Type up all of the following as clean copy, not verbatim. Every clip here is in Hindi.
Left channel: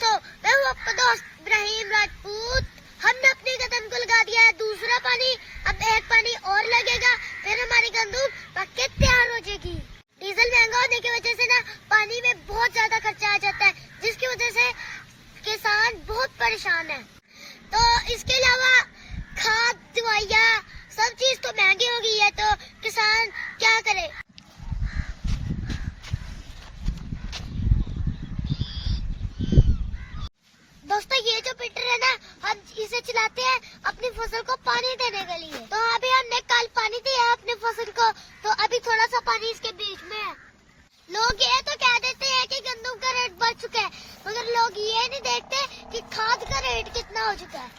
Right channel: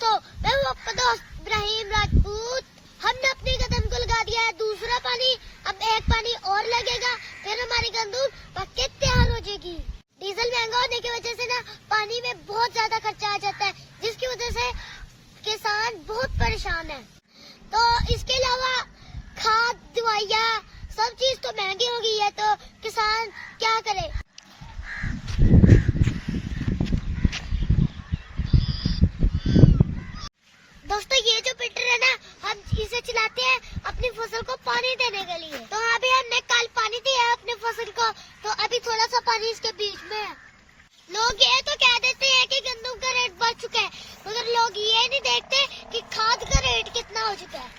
दोस्तों, मैं हूँ आपका दोस्त इब्राहिम राजपूत। हमने अपनी कदम को लगा दिया है दूसरा पानी। अब एक पानी और लगेगा, फिर हमारी गंदम पक्के तैयार हो जाएगी। डीजल महंगा होने की वजह से ना पानी में बहुत ज्यादा खर्चा आ जाता है, जिसकी वजह से किसान बहुत परेशान है। तो इसके अलावा खाद, दवाइयाँ, सब चीज तो महंगी हो गई है, तो किसान क्या करे। दोस्तों, ये जो फिल्टर है ना, हम इसे चलाते हैं अपनी फसल को पानी देने के लिए। तो अभी हमने कल पानी दिया है अपने फसल को, तो अभी थोड़ा सा पानी इसके बीच में है। लोग ये तो कह देते हैं कि गंदम का रेट बढ़ चुका है, मगर लोग ये नहीं देखते कि खाद का रेट कितना हो चुका है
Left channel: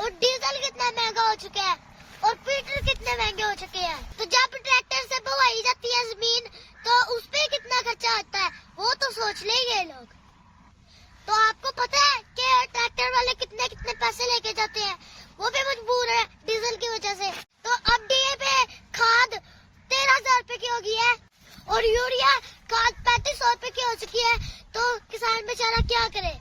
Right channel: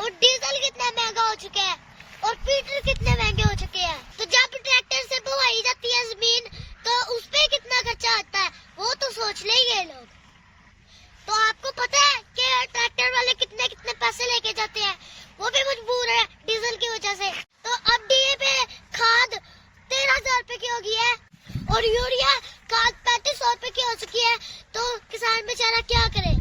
और डीजल कितना महंगा हो चुका है और फिल्टर कितने महंगे हो चुके हैं। तो जब ट्रैक्टर से बोवाई जाती है जमीन, तो उस पे कितना खर्चा आता है, वो तो सोच लेंगे लोग। तो आपको पता है कि ट्रैक्टर वाले कितने कितने पैसे लेके जाते हैं, वो भी मजबूर है डीजल की वजह से। तो अब डीएपी खाद 13,000 रुपए की हो गई है और यूरिया खाद 3500 रुपए की हो चुकी है। तो किसान बेचारा क्या करे।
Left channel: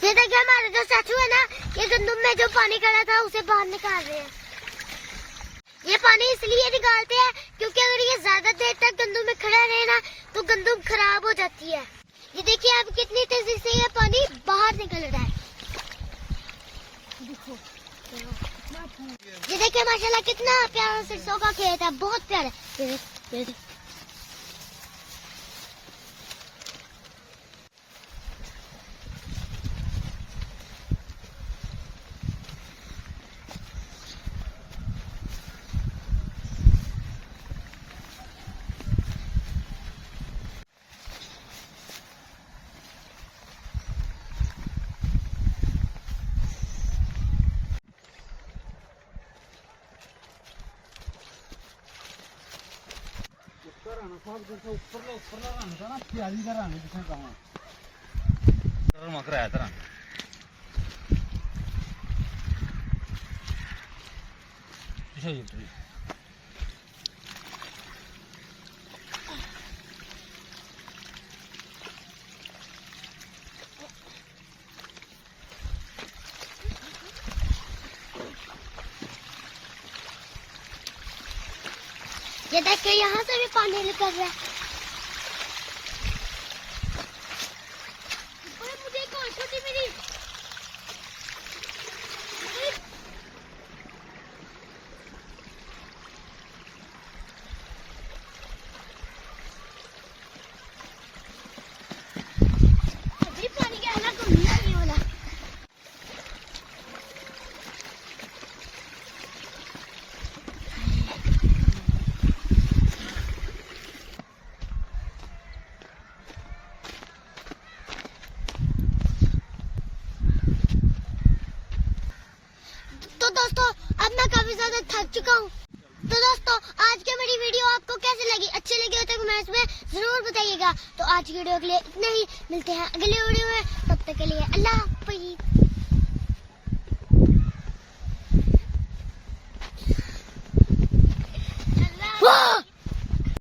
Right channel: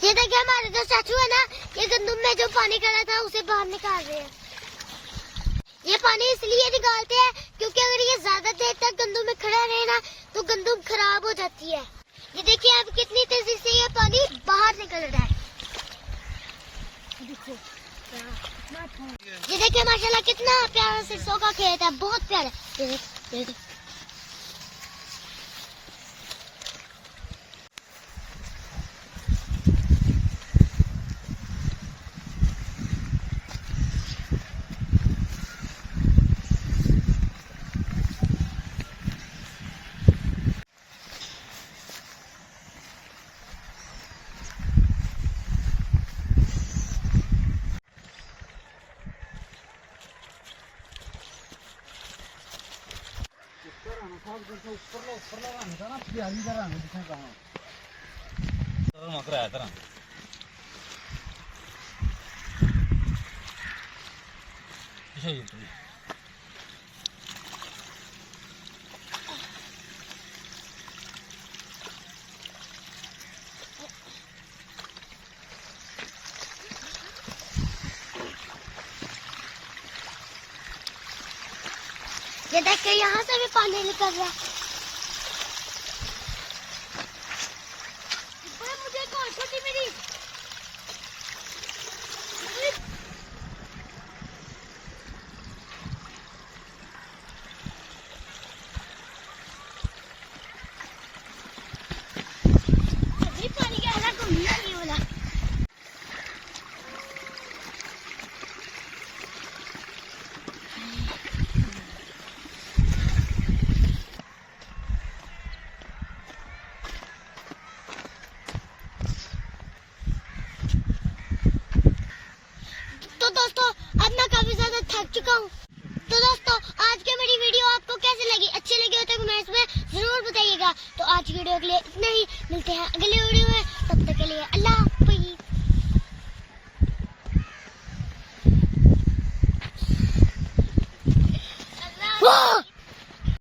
ये देखिए, हमारे जो चाचू है ना, ये गंदम में जो पानी खड़ा था उसे बाहर निकाल रहे हैं। ये पानी इसलिए निकालते हैं क्योंकि अगर ये ज्यादा देर तक गंदम में खड़ा रहे ना, तो गंदम खराब हो जाती है। ये देखिए अब कितनी तेजी से ये पानी बाहर निकल रहा है। ये देखिए माशाल्लाह कितना प्यारा सरसों का खेत है, बहुत प्यारा। ये देखिए यहाँ से भी पानी निकल रहा है। मुझे कौन सी थी मेरी पानी का है तो नहीं होला। तो दोस्तों, अब मैं काफी ज्यादा थक चुका हूँ। तो दोस्तों, आज की मेरी वीडियो आपको कैसी लगी? अच्छी लगी हो तो कमेंट्स में जरूर बताइएगा। तो आज की वीडियो के लिए इतना ही, मिलते हैं अगली वीडियो में। तब तक के लिए अल्लाह हाफ़िज़।